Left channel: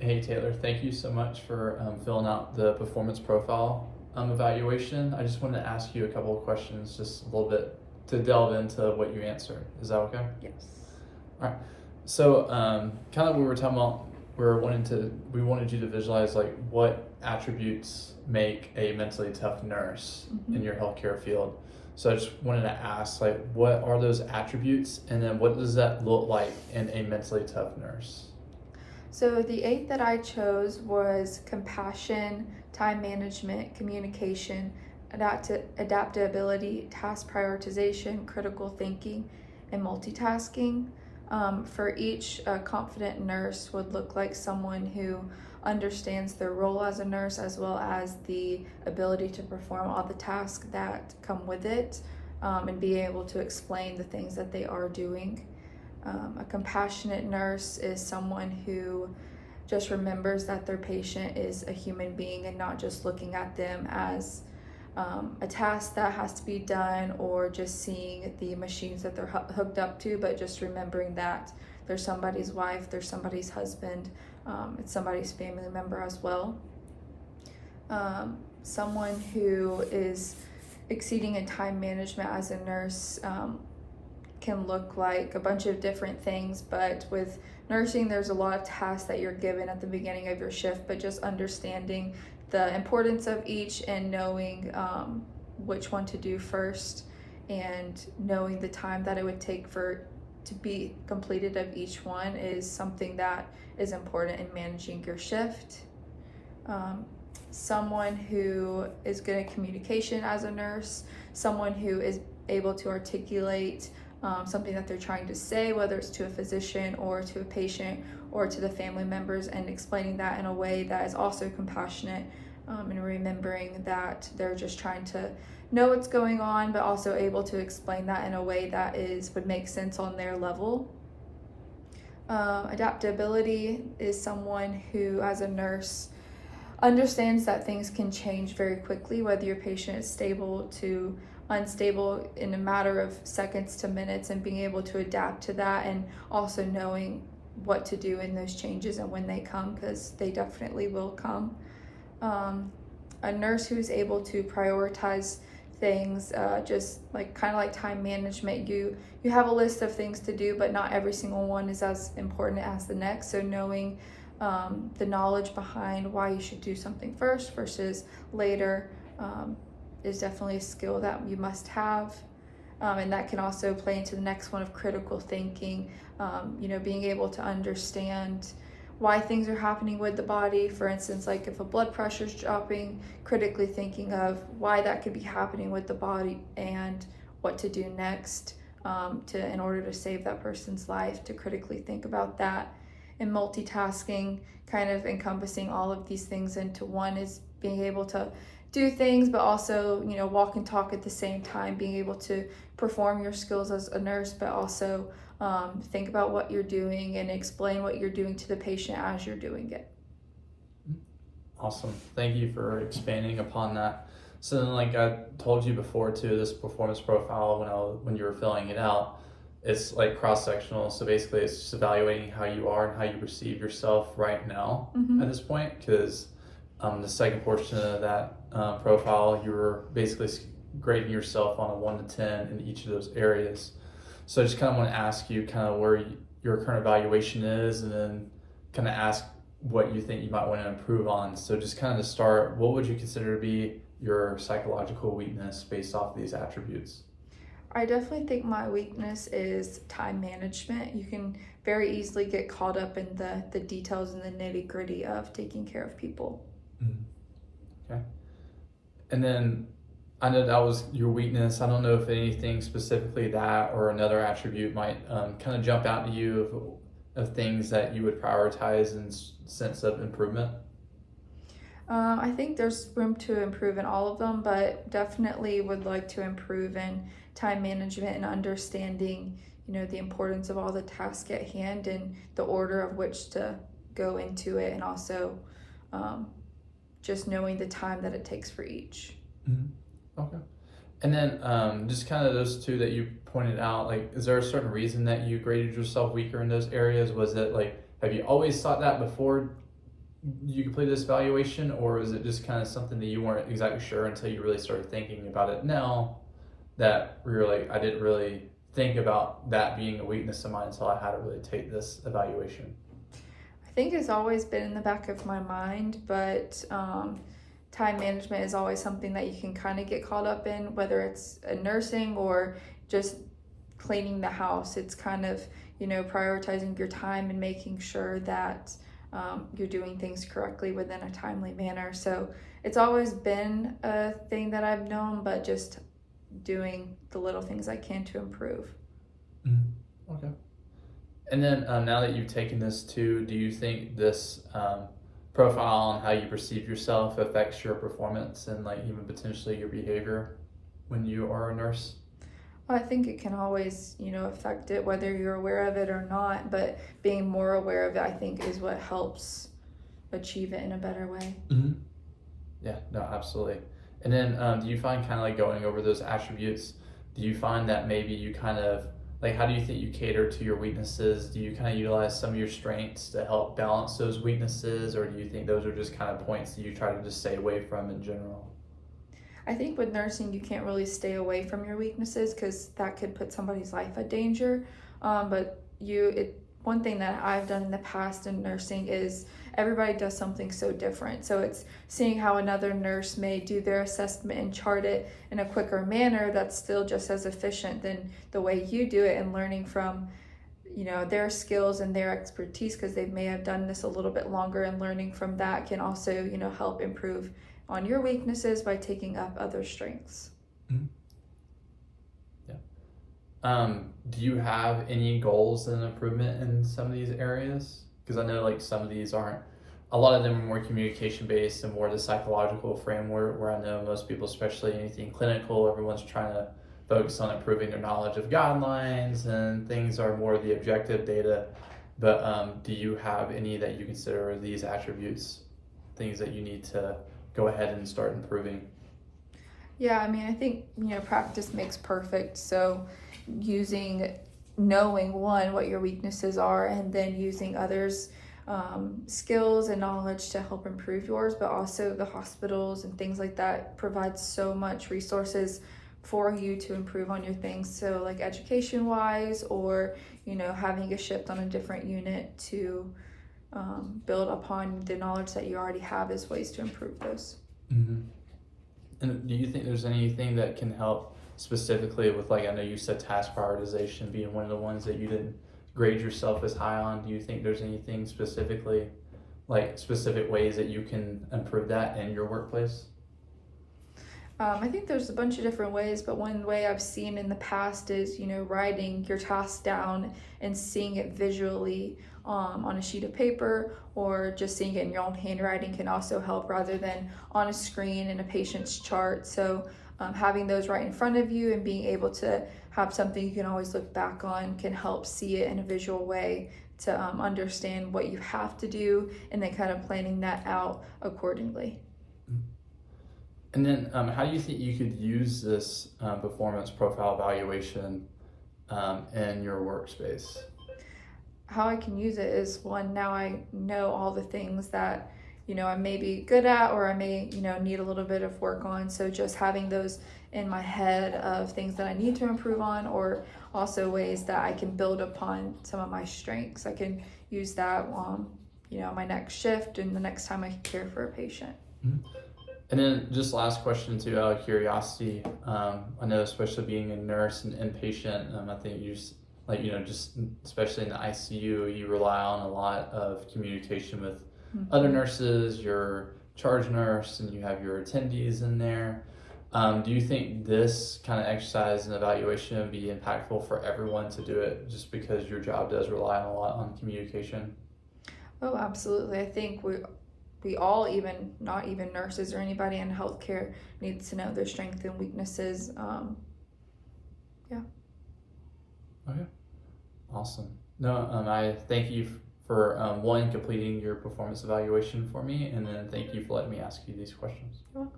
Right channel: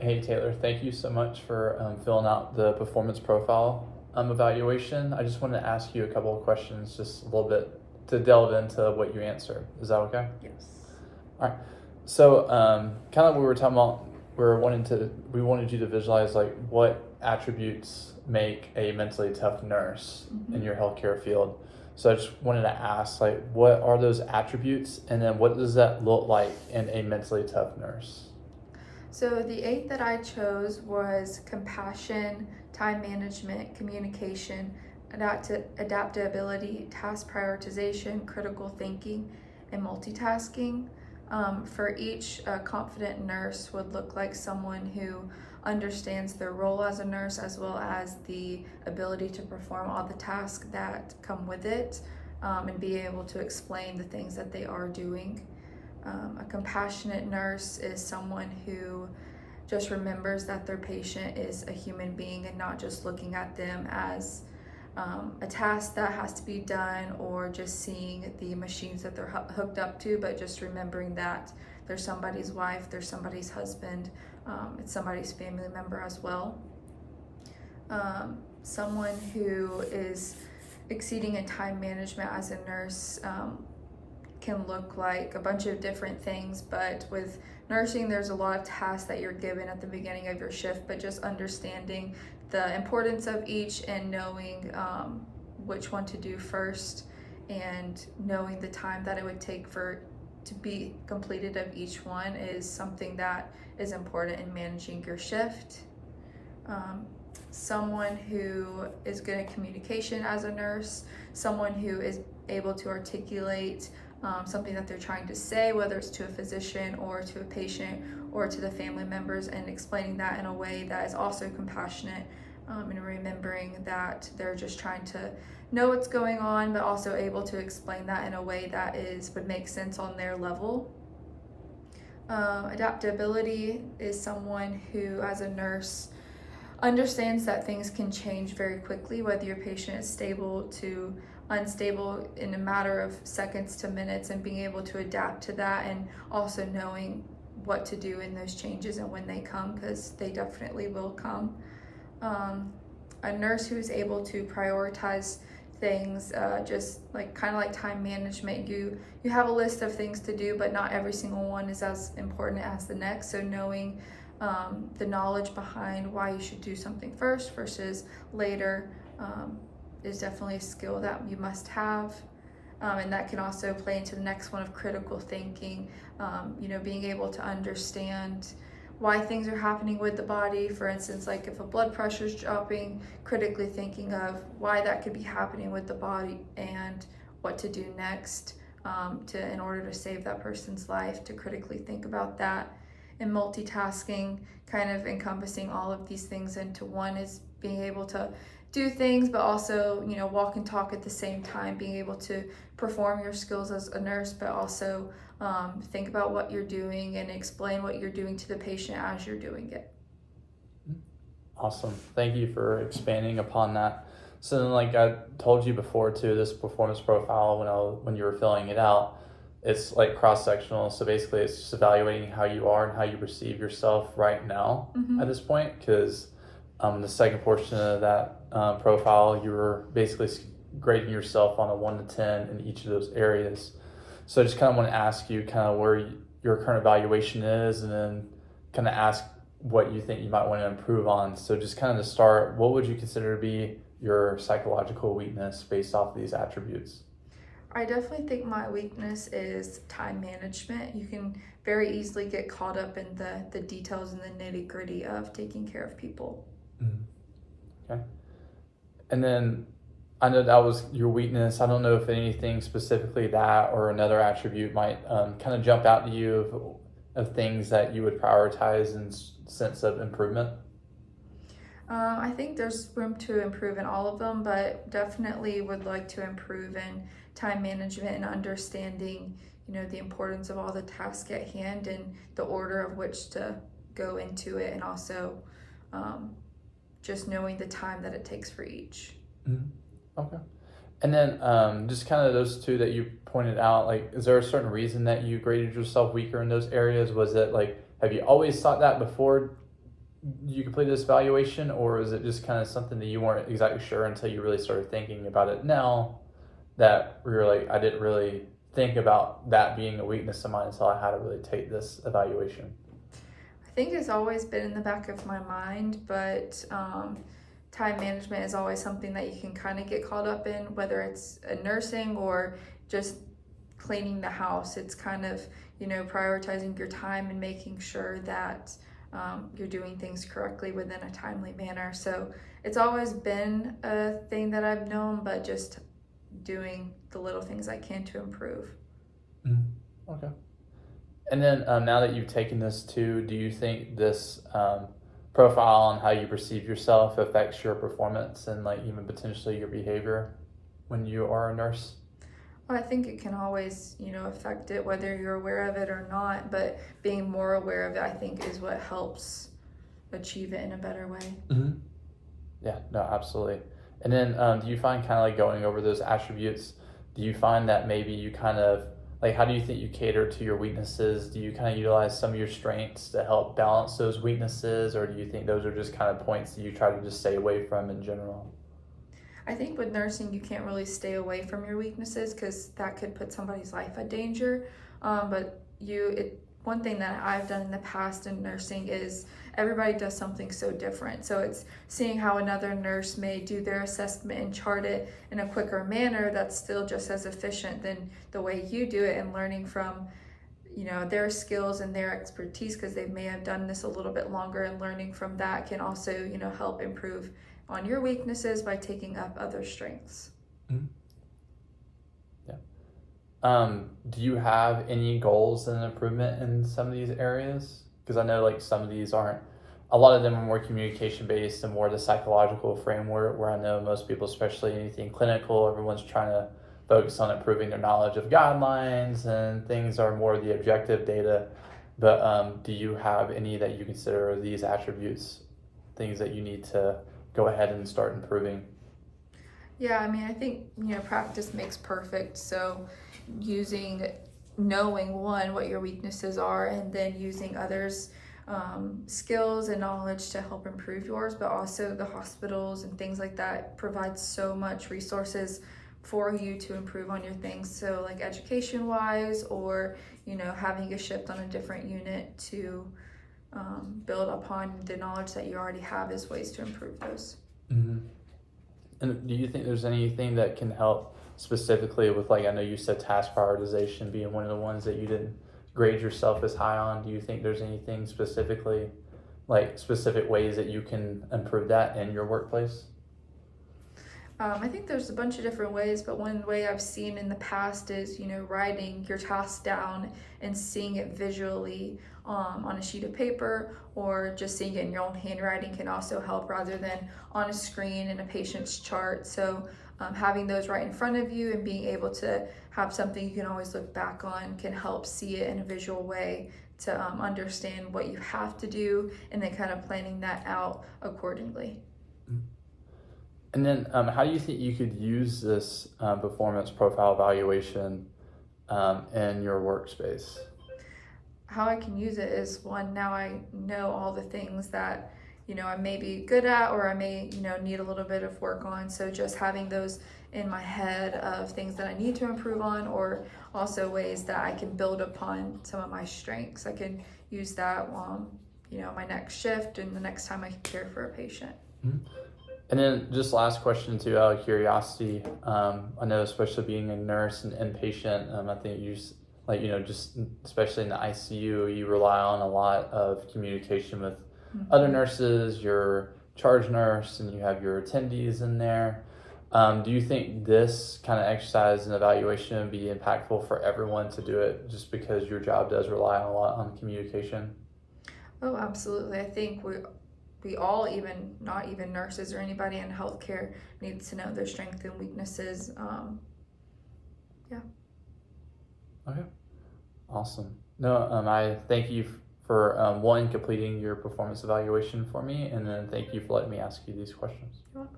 Hey Taylor, thank you so much for filling out the performance profile evaluation. I just wanted to ask you a couple of questions, just a little bit to delve into what you answered. Is that okay? Yes. All right. So, kind of we were talking about, we wanted you to visualize like what attributes make a mentally tough nurse in your healthcare field. So I just wanted to ask, like, what are those attributes, and then what does that look like in a mentally tough nurse? So the 8 that I chose was compassion, time management, communication, adaptability, task prioritization, critical thinking, and multitasking. For each, a confident nurse would look like someone who understands their role as a nurse, as well as the ability to perform all the tasks that come with it, and be able to explain the things that they are doing. A compassionate nurse is someone who just remembers that their patient is a human being and not just looking at them as a task that has to be done, or just seeing the machines that they're hooked up to, but just remembering that they're somebody's wife, they're somebody's husband, it's somebody's family member as well. Someone who is exceeding in time management as a nurse can look like a bunch of different things, but with nursing there's a lot of tasks that you're given at the beginning of your shift, but just understanding the importance of each and knowing which one to do first, and knowing the time that it would take for to be completed of each one is something that is important in managing your shift. Someone who is good at communication as a nurse, someone who is able to articulate something that they're trying to say, whether it's to a physician or to a patient or to the family members, and explaining that in a way that is also compassionate, and remembering that they're just trying to know what's going on, but also able to explain that in a way that would make sense on their level. Adaptability is someone who, as a nurse, understands that things can change very quickly, whether your patient is stable to unstable in a matter of seconds to minutes, and being able to adapt to that, and also knowing what to do in those changes and when they come, because they definitely will come. A nurse who's able to prioritize things, just like kind of like time management, you have a list of things to do, but not every single one is as important as the next. So knowing the knowledge behind why you should do something first versus later is definitely a skill that you must have. And that can also play into the next one of critical thinking, being able to understand why things are happening with the body. For instance, like if a blood pressure is dropping, critically thinking of why that could be happening with the body and what to do next in order to save that person's life, to critically think about that. And multitasking, kind of encompassing all of these things into one, is being able to do things but also walk and talk at the same time, being able to perform your skills as a nurse, but also think about what you're doing and explain what you're doing to the patient as you're doing it. Awesome. Thank you for expanding upon that. So then, like I told you before too, this performance profile, when you were filling it out, it's like cross-sectional. So basically it's just evaluating how you are and how you perceive yourself right now at this point, because the second portion of that profile, you were basically grading yourself on a 1 to 10 in each of those areas. So I just kind of want to ask you kind of where your current evaluation is, and then kind of ask what you think you might want to improve on. So just kind of to start, what would you consider to be your psychological weakness based off of these attributes? I definitely think my weakness is time management. You can very easily get caught up in the details and the nitty-gritty of taking care of people. Okay. And then I know that was your weakness. I don't know if anything specifically that or another attribute might kind of jump out to you of things that you would prioritize in sense of improvement. I think there's room to improve in all of them, but definitely would like to improve in time management and understanding, the importance of all the tasks at hand and the order of which to go into it, and also just knowing the time that it takes for each. Okay. And then just kind of those two that you pointed out, like, is there a certain reason that you graded yourself weaker in those areas? Was it like, have you always thought that before you completed this evaluation, or is it just kind of something that you weren't exactly sure until you really started thinking about it now, that you're like, I didn't really think about that being a weakness of mine until I had to really take this evaluation? I think it's always been in the back of my mind, but time management is always something that you can kind of get caught up in, whether it's nursing or just cleaning the house. It's kind of, prioritizing your time and making sure that you're doing things correctly within a timely manner. So it's always been a thing that I've known, but just doing the little things I can to improve. Okay. And then now that you've taken this too, do you think this profile on how you perceive yourself affects your performance and like even potentially your behavior when you are a nurse? Well, I think it can always, affect it whether you're aware of it or not, but being more aware of it, I think, is what helps achieve it in a better way. Yeah, no, absolutely. And then do you find kind of like going over those attributes, do you find that maybe you kind of, like, how do you think you cater to your weaknesses? Do you kind of utilize some of your strengths to help balance those weaknesses, or do you think those are just kind of points that you try to just stay away from in general? I think with nursing, you can't really stay away from your weaknesses because that could put somebody's life at danger. But one thing that I've done in the past in nursing is everybody does something so different. So it's seeing how another nurse may do their assessment and chart it in a quicker manner that's still just as efficient than the way you do it, and learning from their skills and their expertise because they may have done this a little bit longer, and learning from that can also help improve on your weaknesses by taking up other strengths. Yeah. Do you have any goals and improvement in some of these areas? Because I know like some of these aren't, a lot of them are more communication based and more the psychological framework, where I know most people, especially anything clinical, everyone's trying to focus on improving their knowledge of guidelines and things are more the objective data. But do you have any that you consider these attributes, things that you need to go ahead and start improving? Yeah, I think, practice makes perfect. So knowing one, what your weaknesses are, and then using others' skills and knowledge to help improve yours, but also the hospitals and things like that provide so much resources for you to improve on your things. So like education wise, or, having a shift on a different unit to build upon the knowledge that you already have is ways to improve those. And do you think there's anything that can help specifically with, like, I know you said task prioritization being one of the ones that you didn't grade yourself as high on. Do you think there's anything specifically, like specific ways that you can improve that in your workplace? I think there's a bunch of different ways, but one way I've seen in the past is, writing your task down and seeing it visually on a sheet of paper, or just seeing it in your own handwriting can also help, rather than on a screen in a patient's chart. So having those right in front of you and being able to have something you can always look back on can help see it in a visual way to understand what you have to do, and then kind of planning that out accordingly. And then how do you think you could use this performance profile evaluation in your workspace? How I can use it is, one, now I know all the things that I may be good at, or I may need a little bit of work on. So just having those in my head of things that I need to improve on, or also ways that I can build upon some of my strengths. I can use that my next shift and the next time I care for a patient. And then just last question too, out of curiosity, I know especially being a nurse and inpatient, I think you just, just especially in the ICU, you rely on a lot of communication with other nurses, your charge nurse, and you have your attendees in there. Do you think this kind of exercise and evaluation would be impactful for everyone to do it, just because your job does rely a lot on communication? Oh, absolutely. I think we all, even not even nurses or anybody in healthcare, needs to know their strengths and weaknesses. Yeah. Okay. Awesome. No, I thank you for one, completing your performance evaluation for me, and then thank you for letting me ask you these questions. You're welcome.